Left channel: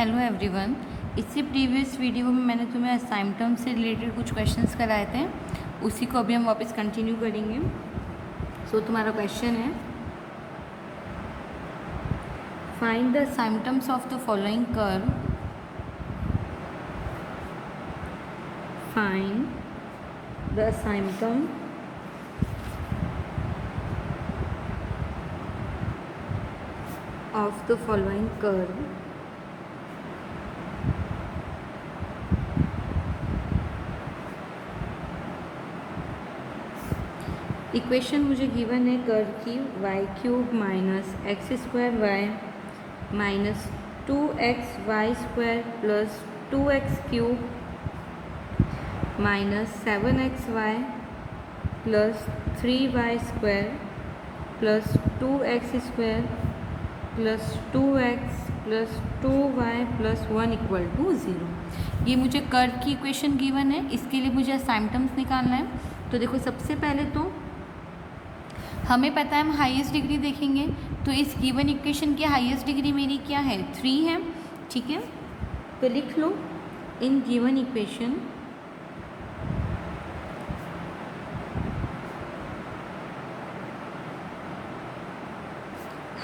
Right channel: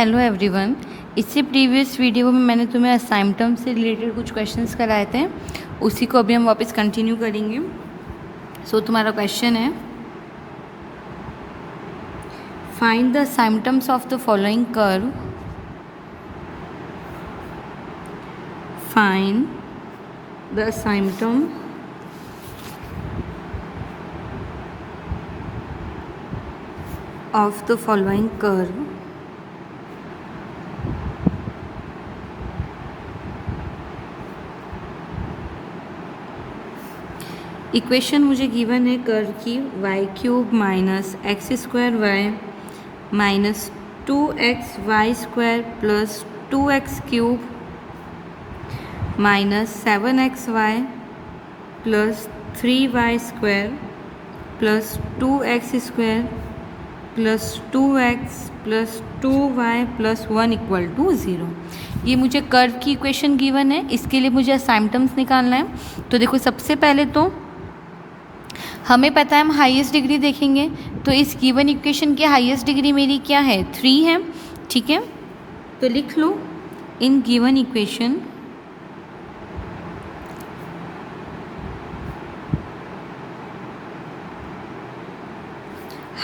Hello everyone. इससे previous video में मैंने तुम्हें असाइनमेंट से रिलेटेड कुछ क्वेश्चंस कराए थे, उसी को अभी हम वापस कंटिन्यू करेंगे। तुम्हारा क्वेश्चन है, find the assignments of the following curve. Find the assignment of the following curve. Equation मुझे गिवन है कर्व की y³ minus x² minus 2xy² plus 2x³ minus 7xy plus 3y² plus 2x² plus 2x plus 2y plus 1 equal to 0। ये मुझे curve की equation given है, इसके लिए मुझे असाइनमेंट्स निकालना है। तो देखो, सबसे पहले तो हमें पता है हम हाईएस्ट डिग्री देखेंगे, तो इस गिवन इक्वेशन की हाईएस्ट डिग्री मेरी क्या है, 3 है। ठीक है, तो लिख लो, in given equation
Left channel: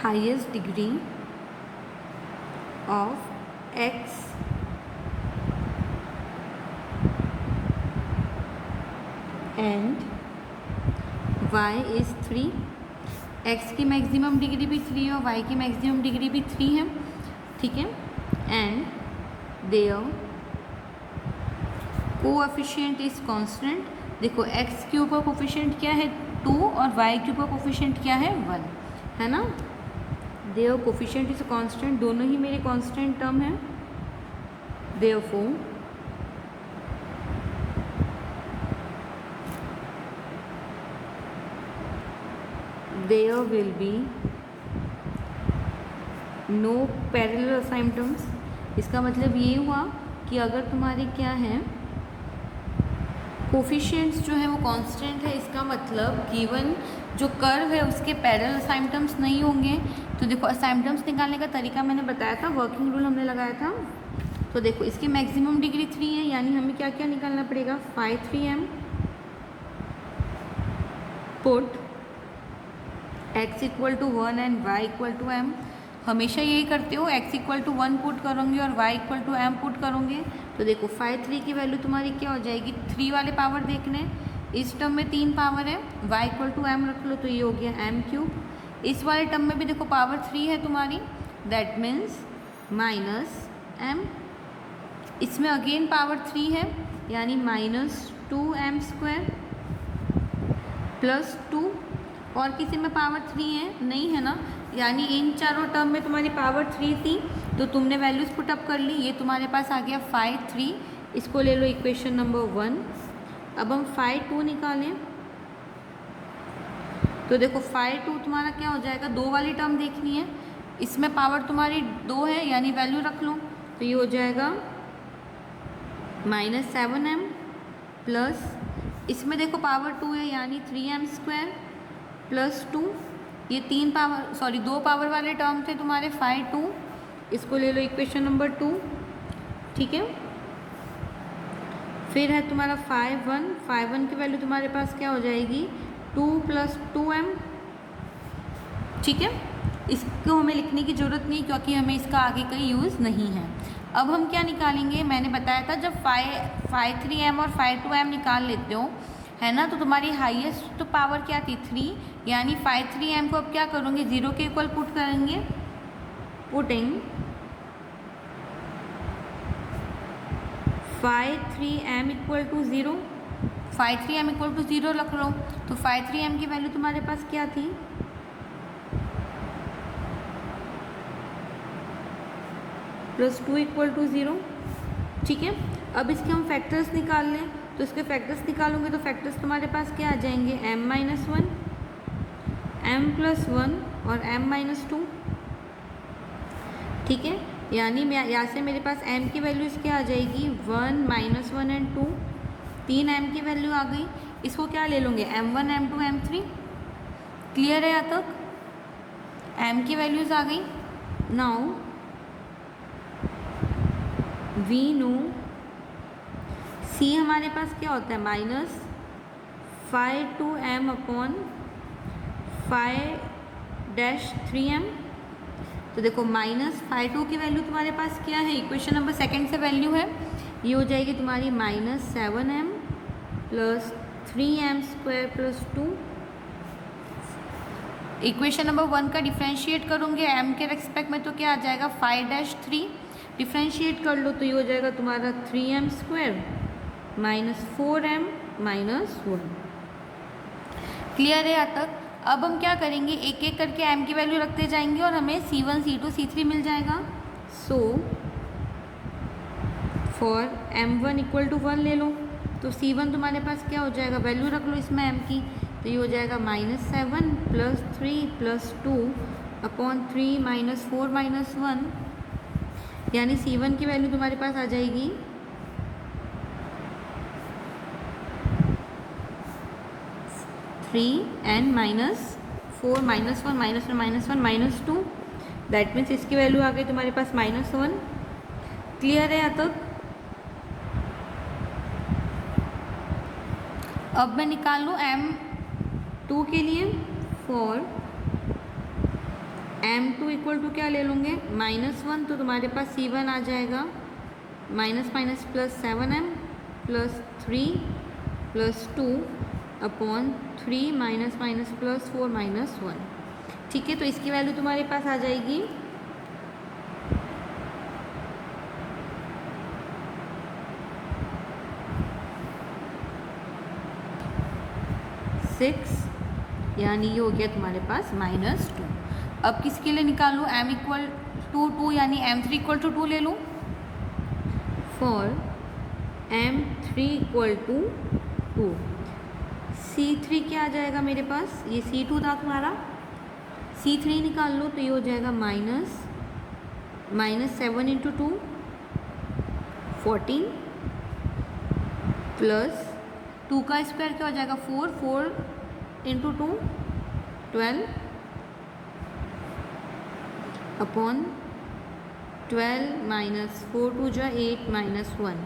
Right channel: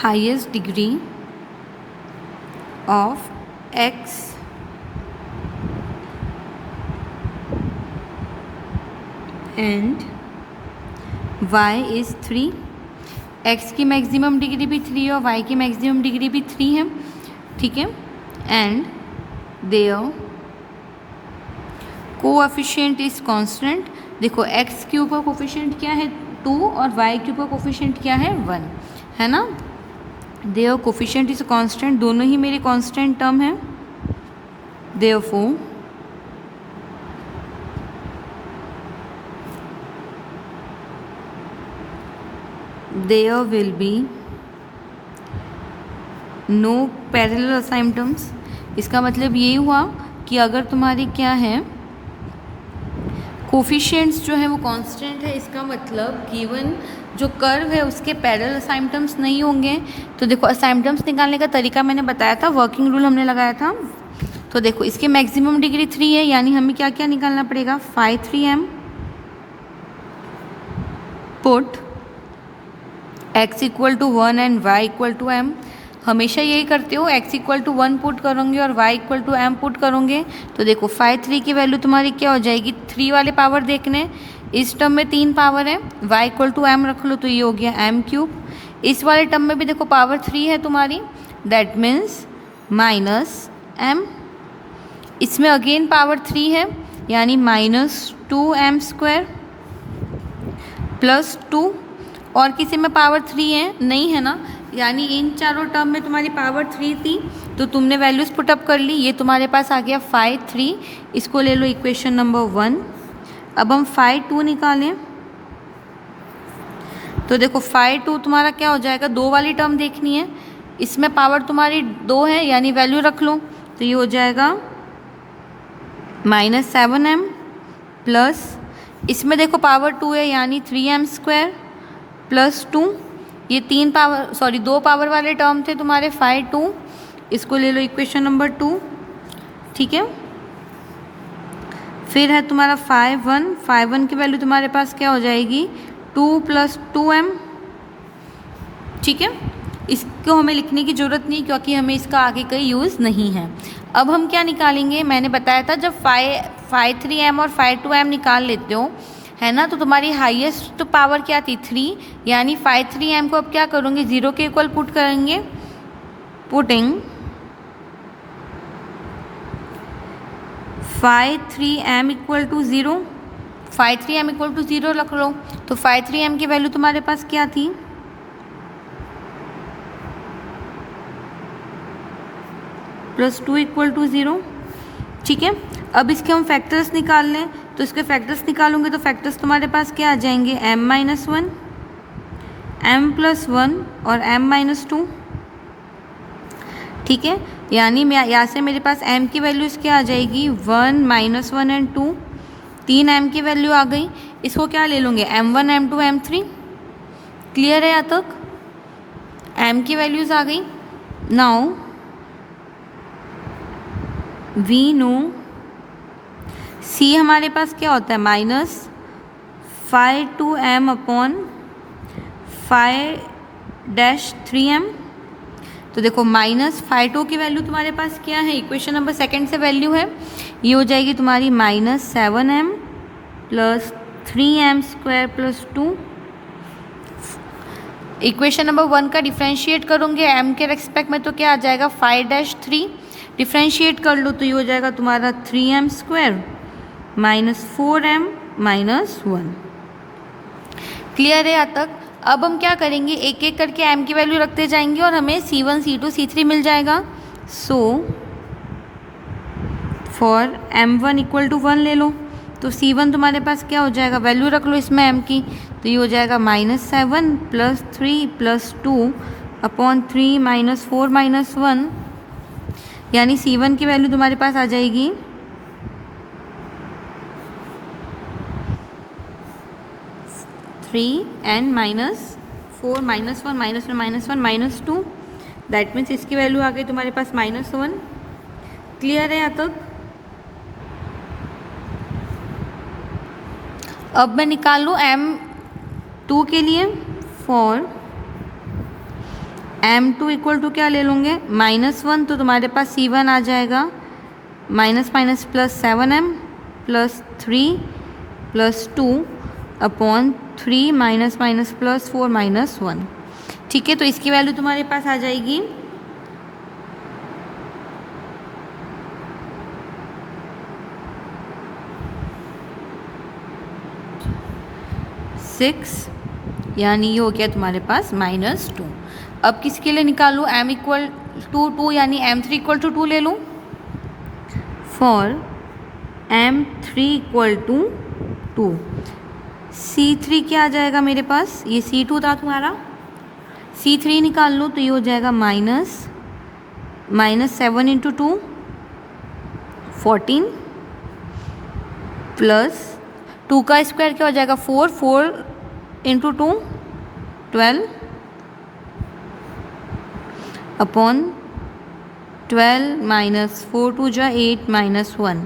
highest degree of x and y is 3। x की मैक्सिमम डिग्री भी 3 और y की मैक्सिमम डिग्री भी 3 है। ठीक है, and there coefficient is constant. देखो, x³ का कोएफिशिएंट क्या है, 2, और y³ का कोएफिशिएंट क्या है, 1 है ना। देयर कोएफिशिएंट इज कांस्टेंट, दोनों ही मेरे कांस्टेंट टर्म है। Therefore there will be no parallel asymptotes। इसका मतलब यही हुआ कि अगर तुम्हारी क्या है, कोफिशिएंट्स जो है वो कांस्टेंट है, इसका मतलब गिवन जो कर्व है उसके पैरेलल असाइनमेंट्स नहीं होंगे। तो देखो, असाइनमेंट्स निकालने का तरीका मैंने बताया था, वर्किंग रूल हमने लगाया था। तो देखो, इसके मैक्सिमम डिग्री 3 है, यानी हमें क्या क्या निकालना पड़ेगा, phi 3m put x equal to 1 and y equal to m। हमेशा यही करते हो, x इक्वल टू 1 पुट करोगे और y equal to m put करोगे। तो देखो, फाई 3 की वैल्यू तुम्हारी क्या हो जाएगी, 3 वाले पावर देखने, इस टर्म में 3 पावर है, y इक्वल टू m रख लो तो ये हो गया m³। इस वाले टर्म में भी देखो पावर 3 है तुम्हारी, दैट मीन्स माइनस m। इसमें अगेन पावर 3 है, यानी माइनस 2m² प्लस 2। और किसी में पावर 3 है, नहीं है ना, यानी इन चारों टर्म में तुम्हारी पावर 3 थी, तो तुमने वैल्यूज़ पुटअप कर ली। ये तुम्हारे पास आ गया फाई 3, इसको ले लो इक्वेशन नंबर 1। अब हम फाई 2 निकालें, तो देखो फाई 2 तुम्हारा क्या हो जाएगा, 2 वाली टर्म देखनी है, इसमें पावर तुम्हारी 2 है, यानी वैल्यू रख लो, तो ये हो जाएगा माइनस 7m प्लस, इसमें देखो पावर 2 है, यानी 3m² प्लस 2। ये 2 पावर वाले टर्म थे तुम्हारे फाई 2, इसको ले लो इक्वेशन नंबर 2। ठीक है, फिर है तुम्हारा फाई 1 की वैल्यू तुम्हारे पास क्या हो जाएगी, 2 प्लस 2m। ठीक है, इसको हमें लिखने की ज़रूरत नहीं, क्योंकि हमें इसका आगे कहीं यूज़ नहीं है। अब हम क्या निकालेंगे, मैंने बताया था जब फाई 3m और फाई 2m निकाल लेते हो, है ना, तो तुम्हारी हाईएस्ट पावर क्या थी, 3, यानी फाई 3m को अब क्या करोगे, 0 के इक्वल पुट करेंगे। Putting phi 3m equal to 0, phi 3m equal to 0 रख लो, तो फाई 3m की वैल्यू तुम्हारे पास क्या थी, प्लस 2 इक्वल टू 0। ठीक है, अब इसके हम फैक्टर्स निकाल लें, तो इसके फैक्टर्स निकालूंगे तो फैक्टर्स तुम्हारे पास क्या आ जाएंगे, m-1, m+1 और m-2। ठीक है, यानी मैं यहाँ से मेरे पास m की वैल्यूज़ क्या आ जाएगी, 1, -1 एंड 2, 3 m की वैल्यू आ गई। इसको क्या ले लूँगे, m1, m2, m3। क्लियर है यहाँ तक, m की वैल्यूज़ आ गई। नाउ वी नो सी हमारे पास क्या होता है माइनस 5/2m अपॉन 5-3m। तो देखो -5/2 की वैल्यू तुम्हारे पास क्या है, इक्वेशन नंबर सेकंड से वैल्यू है, ये हो जाएगी तुम्हारी -7m plus 3m² plus 2। Equation number 1 का डिफ्रेंशिएट करोगे m के रेस्पेक्ट में तो क्या आ जाएगा 5-3, डिफ्रेंशिएट कर लो तो ये हो जाएगा तुम्हारा 3m² -4m -1। क्लियर है यहाँ तक। अब हम क्या करेंगे, एक एक करके m की वैल्यू रखते जाएंगे और हमें c1 c2 c3 मिल जाएगा। सो फॉर m1 = 1 ले लो, तो c1 तुम्हारे पास क्या हो जाएगा, वैल्यू रख लो इसमें m की, तो ये हो जाएगा -7 प्लस 3 प्लस 2 अपॉन 3 -4 -1, यानी c1 की वैल्यू तुम्हारे पास आ जाएगी 3n -4 -1 -2, दैट मीन्स इसकी वैल्यू आ गई तुम्हारे पास -1। क्लियर है यहाँ तक। अब मैं निकाल लूँ m2 के लिए, फॉर m2 = क्या ले लूँगे -1, तो तुम्हारे पास c1 आ जाएगा -7m plus 3 plus 2 upon 3 plus 4 -1। ठीक है, तो इसकी वैल्यू तुम्हारे पास आ जाएगी 6, यानी ये हो गया तुम्हारे पास -2। अब किसके लिए निकालूँ, m = 2 यानी m3 = 2 ले लूँ। फॉर m3 = 2, c3 क्या आ जाएगा मेरे पास, ये c2 था तुम्हारा, c3 निकाल लो तो ये हो जाएगा -7 × 2 14 प्लस 2 का स्क्वायर क्या हो जाएगा 4 × 2 12 अपॉन 12 -4 2 = 8 -1।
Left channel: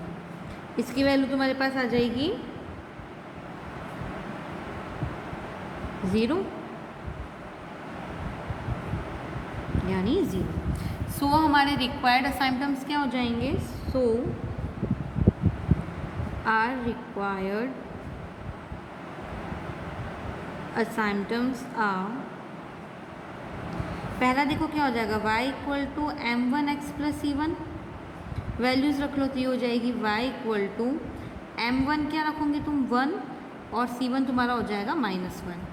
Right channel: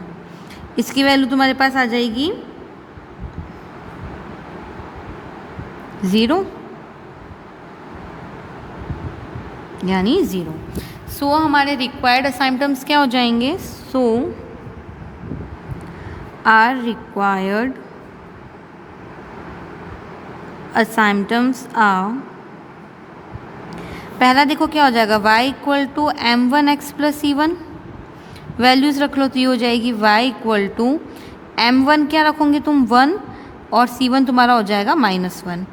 इसकी वैल्यू तुम्हारे पास आ जाएगी 0, यानी 0। सो हमारे रिक्वायर्ड असाइनमेंट्स क्या हो जाएंगे, सो आर रिक्वायर्ड असाइनमेंट्स आर, पहला देखो क्या हो जाएगा y = m1x + c1, वैल्यूज़ रख लो तो ये हो जाएगी y = m1 क्या रखोगे तुम 1 और c1 तुम्हारा हो जाएगा -1।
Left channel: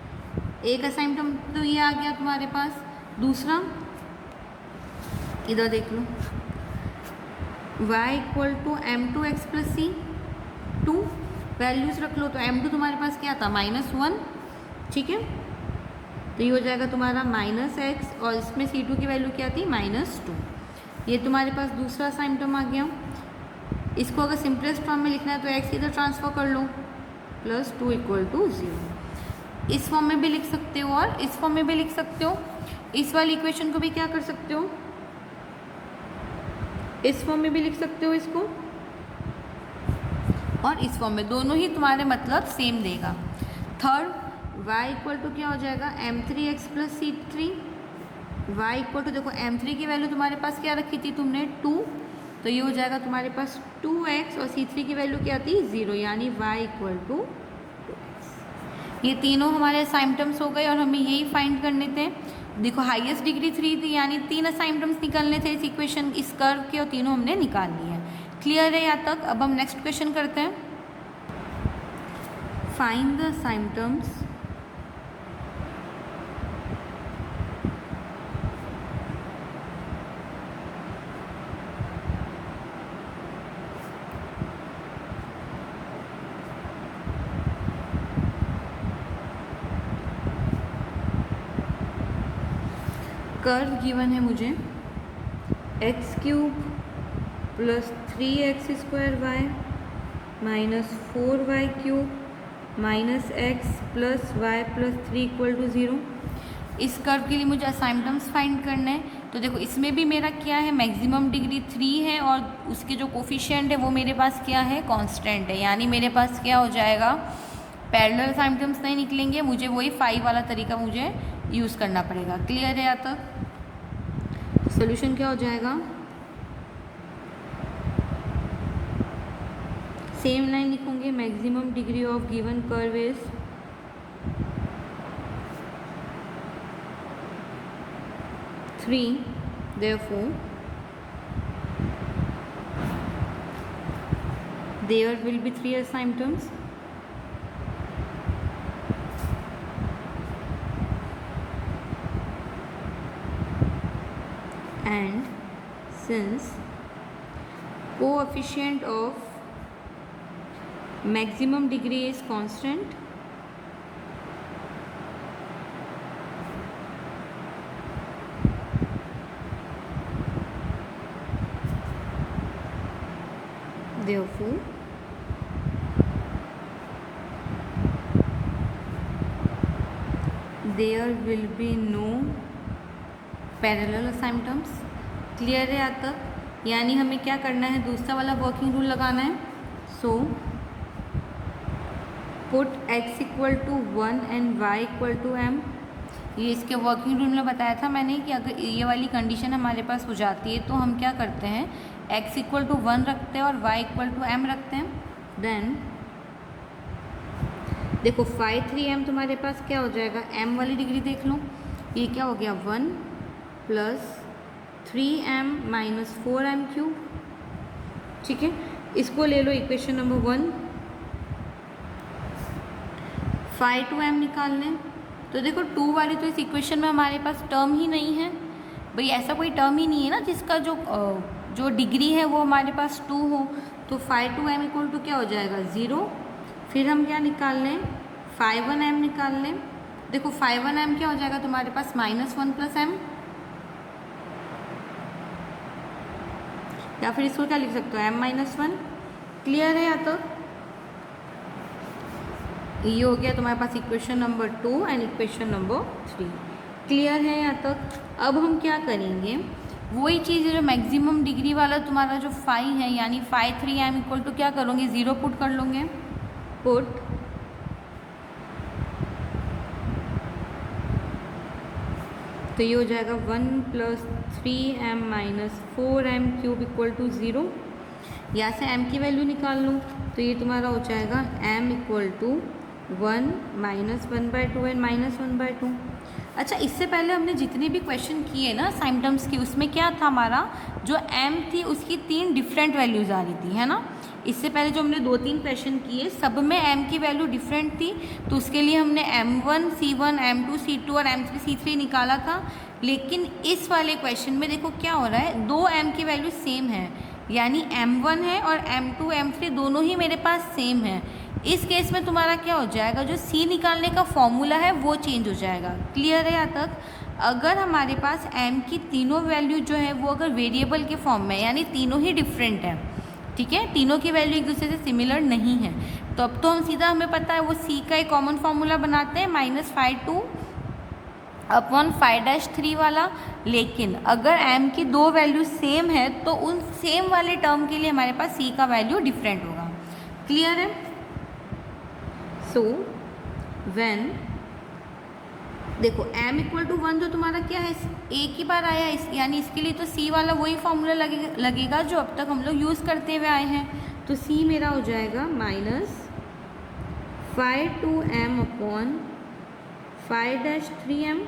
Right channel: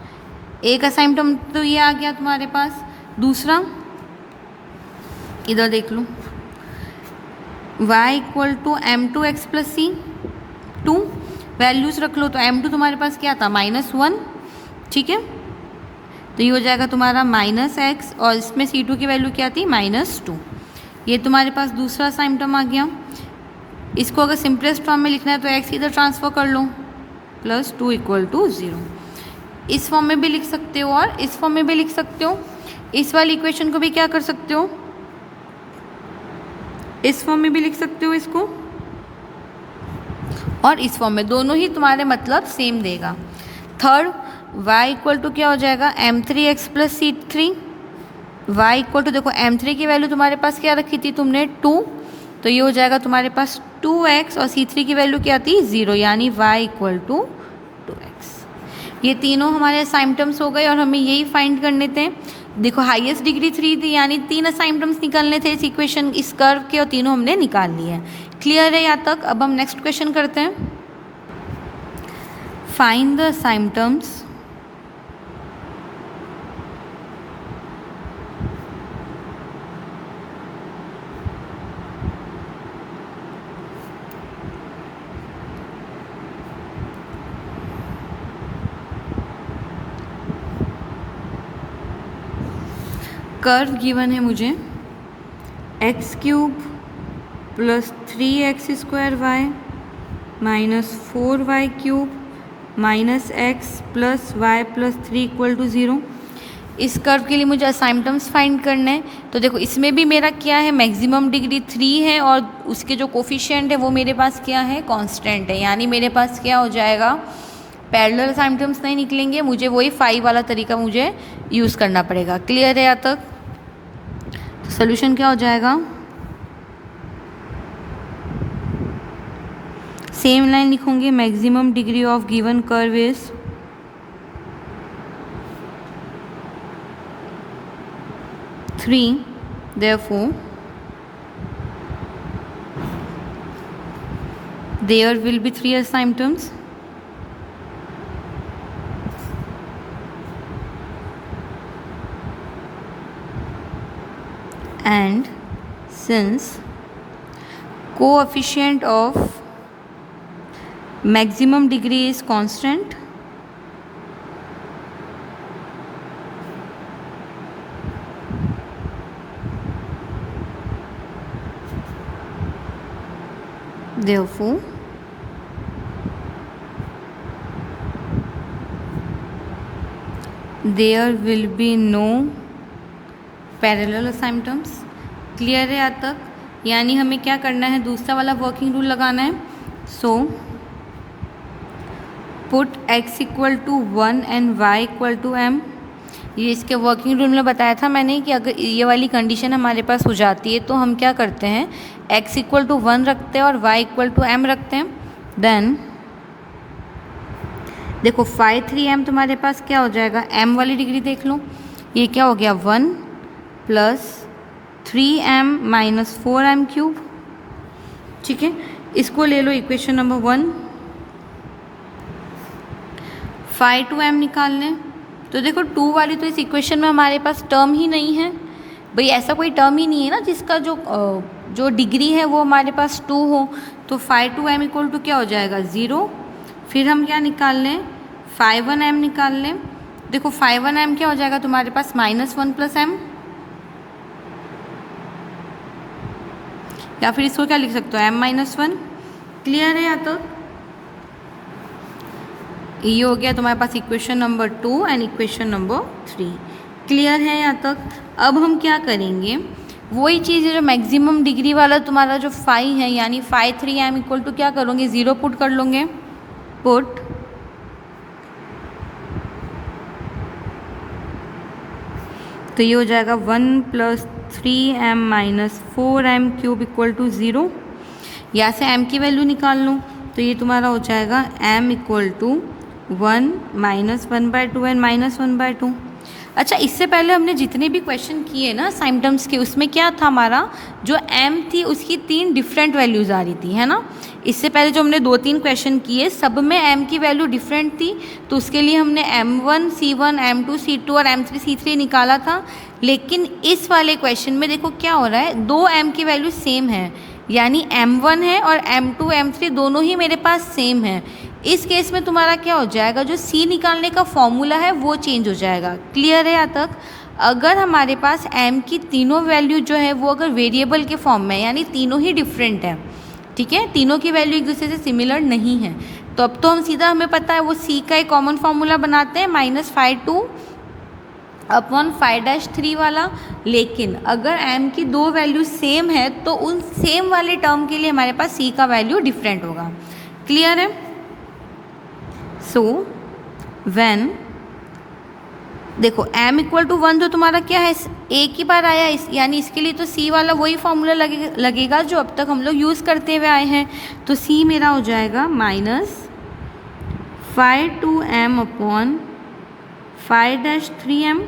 एक असाइनमेंट तो ये आ गया तुम्हारे पास। दूसरा इधर देख लो, y = m2x + c2, वैल्यूज़ रख लो तो m2 तुम्हारे पास क्या था -1, ठीक है, तो ये हो जाएगा तुम्हारा -x और इसमें c2 की वैल्यू क्या थी -2। ये तुम्हारे पास दूसरा असाइनमेंट आ गया। इसको अगर सिंपलेस्ट फॉर्म में लिखना है तो x इधर ट्रांसफ़र कर लो, +2 = 0। इस फॉर्म में भी लिख सकते हो और इस फॉर्म में भी लिख सकते हो। इस वाली इक्वेशन को भी क्या कर सकते हो, इस फॉर्म में भी लिख सकते हो इसको, और इस फॉर्म में, दोनों ही तुम्हारे मतलब सेम देगा। थर्ड y = क्या हो जाएगा m3x + c3, y = देखो m3 की वैल्यू तुम्हारे पास क्या रखी थी तुमने 2, तो ये हो जाएगा तुम्हारे पास 2x और c3 की वैल्यू क्या थी 0, यानी y = 2x। ये तीनों हमारे असाइनमेंट्स हो गए और हमें यही फाइंड करने थे। देखो हाईएस्ट डिग्री 3 थी, यानी 3 असाइनमेंट्स निकालने थे इस इक्वेशन, इस कर्व के, और तीनों हमने निकाल लिए हैं। क्लियर है यहाँ तक। अब हम नेक्स्ट क्वेश्चन करते हैं। Find the assignments curve given है मुझे x³ + 3x² y -4y³ -x + y + 3 = 0। इस कर्व के लिए मुझे असाइनमेंट्स फाइंड करना है। तो देखो इसमें भी मेरा क्या है, मैक्सिमम डिग्री 3 है और उसके जो कोफिशिएंट है वो मेरे पास क्या है, कांस्टेंट है। यानी मेरे पास क्या हो जाएगा, पैरेलल असाइनमेंट्स नहीं निकलेंगे, मुझे वही 5 वाला तरीका मुझे यूज़ करना पड़ेगा। क्लियर है यहाँ तक? तो सोल्यूशन क्या हो जाएगा, सेम लाइन लिखूंगी, maximum degree of given curve is 3, therefore there will be 3 asymptotes and since coefficient of maximum degree is constant, therefore there will be no parallel asymptotes। Clear है यहाँ तक? यानी हमें क्या करना है, दूसरा वाला वर्किंग रूल लगाना है। So put x equal to 1 and y equal to m। ये इसके वर्किंग रूल में बताया था मैंने कि अगर ये वाली कंडीशन हमारे पास हो जाती है तो हम क्या करते हैं, x इक्वल टू 1 रखते हैं और y इक्वल टू m रखते हैं। देन देखो 5 3m तुम्हारे पास क्या हो जाएगा, m वाली डिग्री देख लो, ये क्या हो गया 1 plus 3m minus 4m cube. ठीक है, इसको ले लो इक्वेशन नंबर 1। 5 2m निकाल लें तो देखो 2 वाली तो इस इक्वेशन में हमारे पास टर्म ही नहीं है भाई, ऐसा कोई टर्म ही नहीं है ना जिसका जो डिग्री है वो हमारे पास 2 हो। तो 5 2m इक्वल टू क्या हो जाएगा 0। फिर हम क्या निकाल लें, 5 1m निकाल लें। देखो 5 1m क्या हो जाएगा तुम्हारे पास -1 प्लस m, या फिर इसको क्या लिख सकते हो m-1। क्लियर है यहाँ तक? ये हो गया तुम्हारे पास equation number 2 and equation number 3। Clear है यहाँ तक? अब हम क्या करेंगे, वही चीज़ है जो मैक्सिमम डिग्री वाला तुम्हारा जो 5 है, यानी 5 3m इक्वल टू क्या करोगे, 0 पुट कर लोगे। पुट तो ये हो जाएगा 1 plus 3m minus 4m cube equal to 0। यहाँ से m की वैल्यू निकाल लूँ तो ये तुम्हारा हो जाएगा m equal to 1 minus 1/2 and minus 1/2। अच्छा, इससे पहले हमने जितने भी क्वेश्चन किए ना साइम्पटम्स के, उसमें क्या था हमारा, जो m थी उसकी 3 डिफरेंट वैल्यूज़ आ रही थी, है ना। इससे पहले जो हमने 2-3 क्वेश्चन किए सब में m की वैल्यू डिफरेंट थी, तो उसके लिए हमने m1 c1 m2 c2 और m3 c3 निकाला था। लेकिन इस वाले क्वेश्चन में देखो क्या हो रहा है, 2 m की वैल्यू सेम है, यानी m1 है और m2 m3 दोनों ही मेरे पास सेम है। इस केस में तुम्हारा क्या हो जाएगा, जो c निकालने का फॉर्मूला है वो चेंज हो जाएगा। क्लियर है यहाँ तक? अगर हमारे पास m की तीनों वैल्यू जो है वो अगर वेरिएबल के फॉर्म में, यानी तीनों ही डिफरेंट है, ठीक है, तीनों की वैल्यू एक दूसरे से सिमिलर नहीं है, तो अब तो हम सीधा, हमें पता है वो c का एक कॉमन फार्मूला बनाते हैं -5/2 अपॉन 5-3 वाला। लेकिन अगर m की 2 वैल्यू सेम है तो उन सेम वाले टर्म के लिए हमारे पास c का वैल्यू डिफरेंट होगा। क्लियर है? सो व्हेन देखो m इक्वल टू 1 जो तुम्हारा क्या है, एक ही बार आया यानी इसके लिए तो c वाला वही फॉर्मूला लगेगा जो अब तक हम लोग यूज़ करते हुए आए हैं। तो c मेरा हो जाएगा -5/2m अपॉन 5-3m।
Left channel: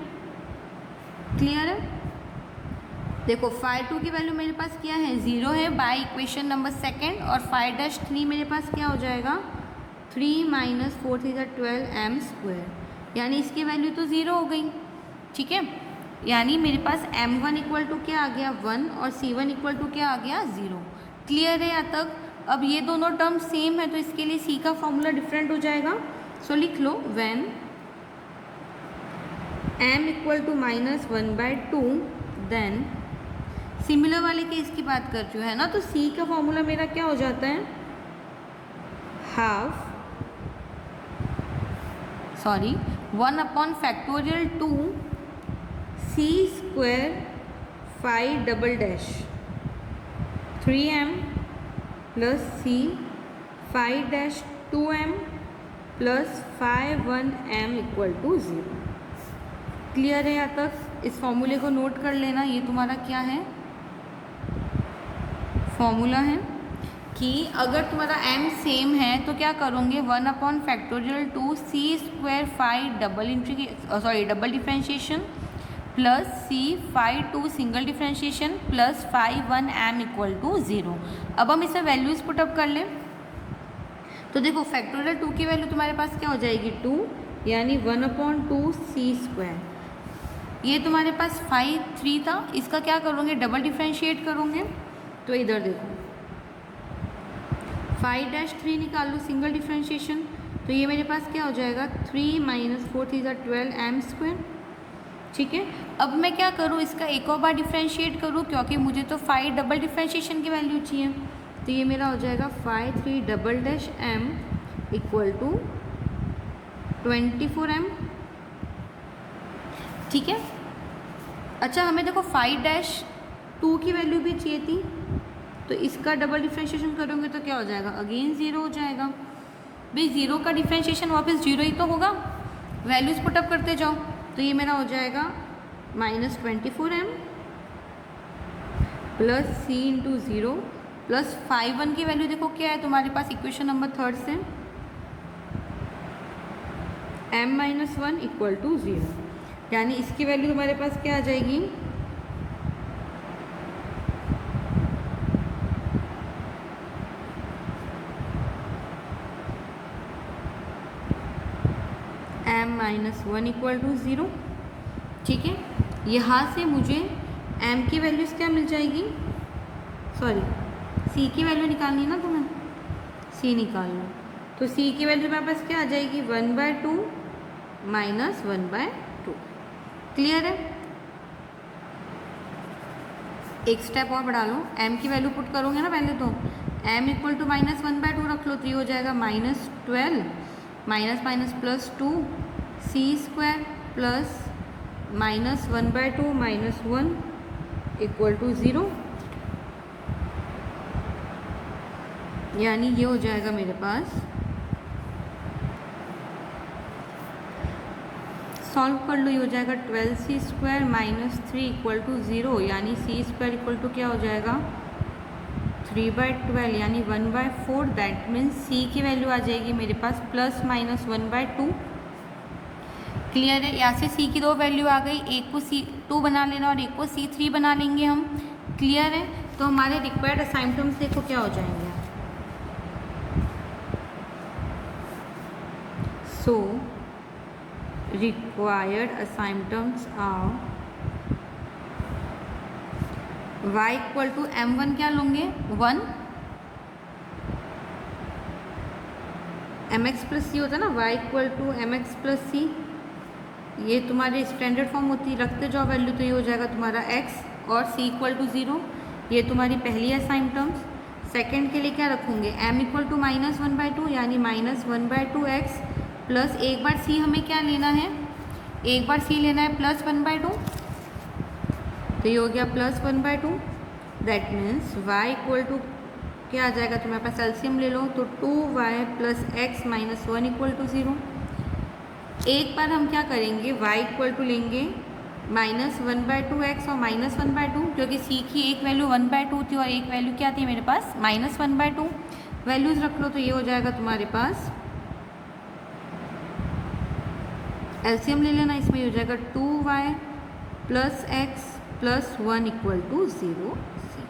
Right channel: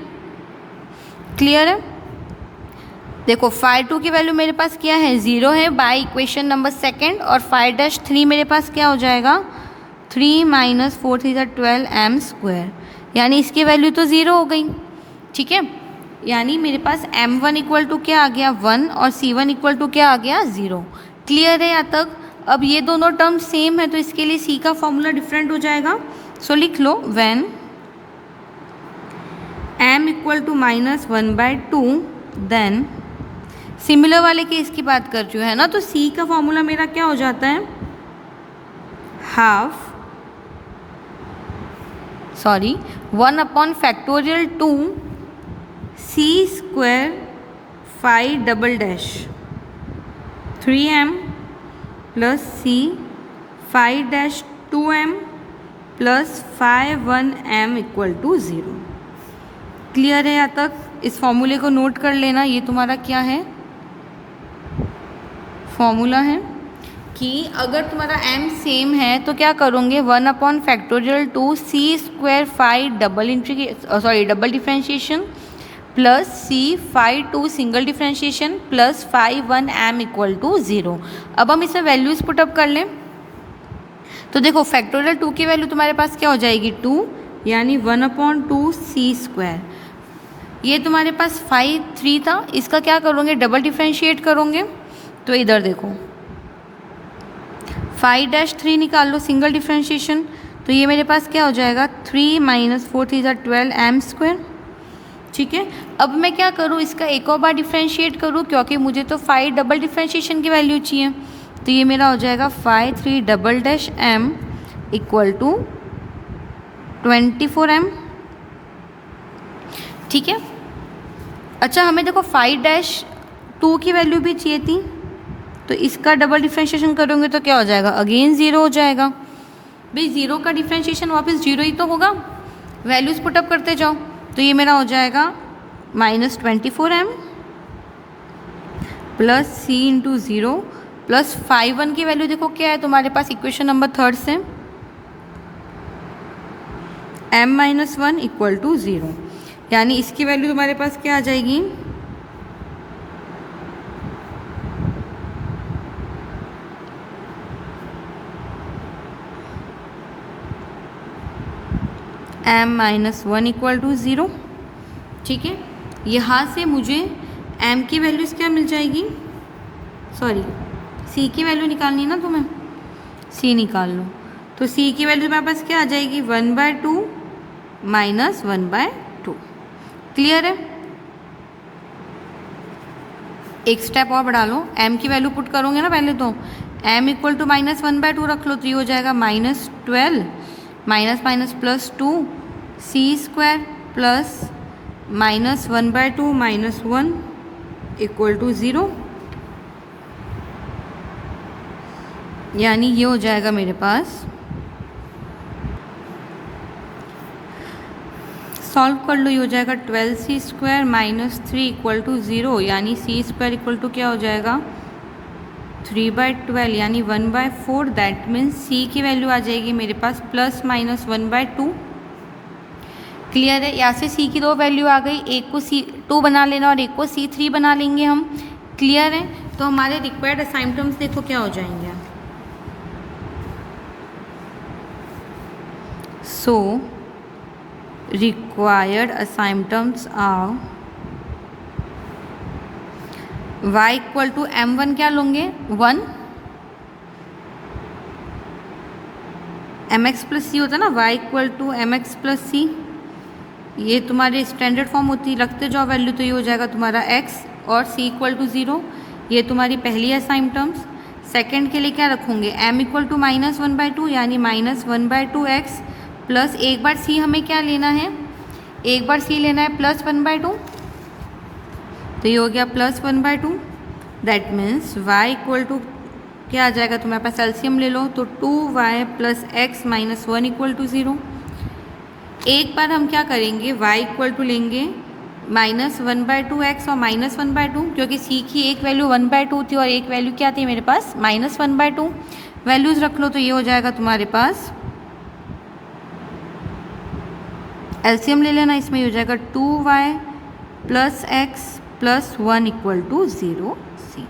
क्लियर है? देखो 5/2 की वैल्यू मेरे पास क्या है, 0 है बाय इक्वेशन नंबर 2, और 5-3 मेरे पास क्या हो जाएगा, 3 - 4 3 12m², यानी इसकी वैल्यू तो 0 हो गई। ठीक है, यानी मेरे पास m1 इक्वल टू क्या आ गया 1 और c1 इक्वल टू क्या आ गया 0। क्लियर है यहाँ तक? अब ये दोनों टर्म सेम है तो इसके लिए c का फॉर्मूला डिफरेंट हो जाएगा। सो लिख लो, when m equal to -1/2, then similar वाले केस की बात कर रही हूँ, है ना, तो c का फॉर्मूला मेरा क्या हो जाता है, 1/2 2 सी square five double dash 3m plus C 5 dash 2m plus 5 1m equal to 0। Clear है यहाँ तक? इस फॉर्मूले को नोट कर लेना। ये तुम्हारा क्या है, फॉर्मूला है कि अगर तुम्हारा m सेम है तो क्या करोगे, 1/2 C square five double differentiation plus C 5 2 single differentiation plus 5 1m equal to 0। अब हम इसमें वैल्यूज़ पुटअप कर लें तो देखो फैक्टोरियल 2 की वैल्यू तुम्हारे पास क्या हो जाएगी, 2, यानी 1/2 सी स्क्वायर। ये तुम्हारे पास 5 3 था, इसका क्या करोगे, डबल डिफ्रेंशिएट करोगे। तो इधर देखो 5 डैश 3 निकाल लो सिंगल डिफ्रेंशिएशन, तो ये मेरे पास क्या हो जाएगा, 3 - 4 3 12 m स्क्वायर। ठीक है, अब मैं क्या करूँ, इसका एक और बार डिफ्रेंशिएट करूँ क्योंकि मुझे तो 5 डबल डिफ्रेंशिएशन की वैल्यू चाहिए। तो ये मेरा हो जाएगा 5 3 double dash m equal to 24m। ठीक है, अच्छा हमें देखो 5 डैश 2 की वैल्यू भी चाहिए थी, तो इसका डबल डिफ्रेंशिएशन करोगे तो क्या हो जाएगा, अगेन 0 हो जाएगा। भाई 0 का डिफ्रेंशिएशन वापस 0 ही तो होगा, वैल्यूज़ पुटअप करते जाओ। तो ये मेरा हो जाएगा -24m प्लस सी इंटू 0 प्लस 5 1 की वैल्यू देखो क्या है तुम्हारे पास इक्वेशन नंबर 3 से, m - 1 इक्वल टू 0, यानी इसकी वैल्यू तुम्हारे पास क्या आ जाएगी, m - 1 इक्वल टू 0। ठीक है, यहाँ से मुझे m की वैल्यूज़ क्या मिल जाएगी, सॉरी c की वैल्यू निकालनी है ना तुम्हें, c निकाल लो। तो c की वैल्यू तुम्हारे पास क्या आ जाएगी, 1/2 - 1/2। क्लियर है? एक स्टेप और बढ़ा लो, m की वैल्यू पुट करोगे ना पहले, तो m इक्वल टू -1/2 रख लो, तो ये हो जाएगा -12 minus plus 2 C square plus -1/2 - 1 equal to 0, यानी ये हो जाएगा मेरे पास, सॉल्व कर लो, ये हो जाएगा 12c स्क्वायर -3 इक्वल टू 0, यानी सी स्क्वायर इक्वल टू क्या हो जाएगा, 3/12 यानी 1/4। दैट मीन्स सी की वैल्यू आ जाएगी मेरे पास ±1/2। क्लियर है? यहाँ से सी की दो वैल्यू आ गई, एक को C2 बना लेना और एक को C3 बना लेंगे हम। क्लियर है? तो हमारे रिक्वायर्ड असाइनमेंट्स देखो क्या हो जाएंगे। So required asymptotes are y equal to m1 क्या लोगे 1, mx प्लस सी होता है ना, y equal to mx plus C, ये तुम्हारे स्टैंडर्ड फॉर्म होती है, रखते जाओ वैल्यू तो ये हो जाएगा तुम्हारा x और c इक्वल टू 0। ये तुम्हारी पहली असाइनमेंट्स। सेकंड के लिए क्या रखोगे, m इक्वल टू -1/2 यानी -1/2x प्लस एक बार c हमें क्या लेना है, एक बार c लेना है +1/2, तो ये हो गया +1/2। That means y equal to क्या आ जाएगा, तुम्हारे पास एलसीएम ले लो तो 2y + x - 1 इक्वल टू 0। एक बार हम क्या करेंगे, y इक्वल टू लेंगे -1/2x और -1/2, क्योंकि c की एक वैल्यू 1/2 थी और एक वैल्यू क्या थी मेरे पास -1/2। वैल्यूज़ रख लो तो ये हो जाएगा तुम्हारे पास, एलसीएम ले लेना, इसमें हो जाएगा 2y + x + 1 equal to 0 c।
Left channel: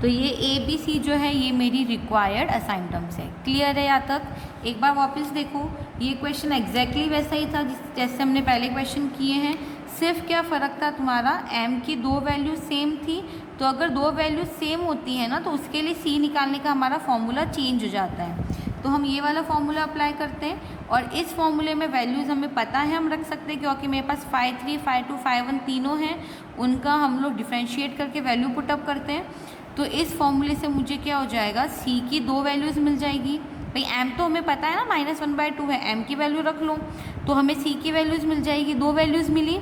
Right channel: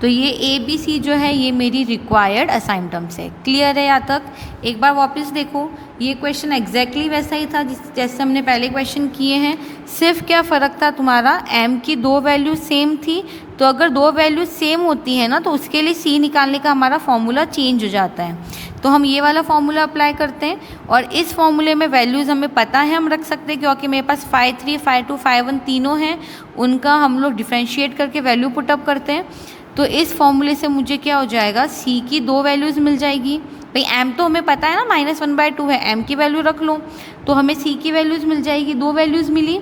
तो ये ABC जो है ये मेरी रिक्वायर्ड असाइनमेंट्स है। क्लियर है यहाँ तक? एक बार वापस देखो, ये क्वेश्चन एग्जैक्टली वैसा ही था जैसे हमने पहले क्वेश्चन किए हैं, सिर्फ क्या फ़र्क था, तुम्हारा m की दो वैल्यू सेम थी, तो अगर दो वैल्यू सेम होती है ना तो उसके लिए c निकालने का हमारा फॉर्मूला चेंज हो जाता है। तो हम ये वाला फॉर्मूला अप्लाई करते हैं और इस फॉर्मूले में वैल्यूज़ हमें पता है, हम रख सकते हैं क्योंकि मेरे पास 5 3 5 2 5 1 तीनों हैं, उनका हम लोग डिफ्रेंशिएट करके वैल्यू पुटअप करते हैं। तो इस फॉर्मूले से मुझे क्या हो जाएगा, c की दो वैल्यूज़ मिल जाएगी। भाई m तो हमें पता है ना -1/2 है, m की वैल्यू रख लो तो हमें c की वैल्यूज़ मिल जाएगी, दो वैल्यूज़ मिली।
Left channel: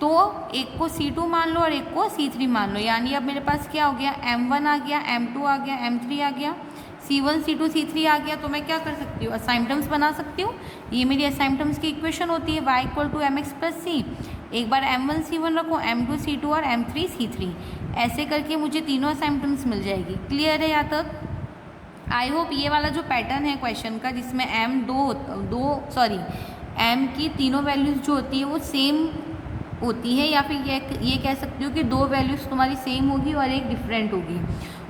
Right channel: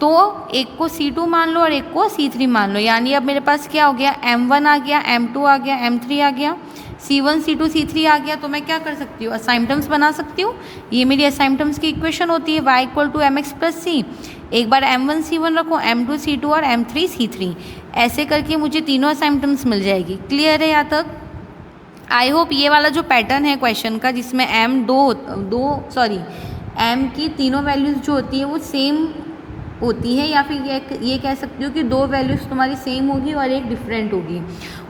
तो एक को C2 मान लो और एक को C3 मान लो, यानी अब मेरे पास क्या हो गया, M1 आ गया, M2 आ गया, M3 आ गया, C1 C2 C3 आ गया। तो मैं क्या कर सकती हूँ, असाइनटम्स बना सकती हूँ। ये मेरी असाइनटम्स की इक्वेशन होती है, y = mx + c। एक बार M1 C1 रखो, M2 C2 और M3 C3, ऐसे करके मुझे तीनों असाइनटम्स मिल जाएगी। क्लियर है यहाँ तक? आई होप ये वाला जो पैटर्न है क्वेश्चन का, जिसमें M की तीनों वैल्यूज़ जो होती है वो सेम होती है, या फिर ये कह सकती हो कि दो वैल्यूज़ तुम्हारी सेम होगी और एक डिफरेंट होगी,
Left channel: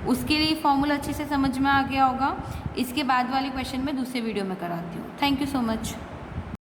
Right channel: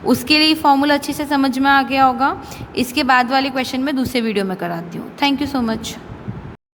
उसके लिए फॉर्मूला अच्छे से समझ में आ गया होगा। इसके बाद वाले क्वेश्चन में दूसरे वीडियो में कराती हूँ। Thank you so much.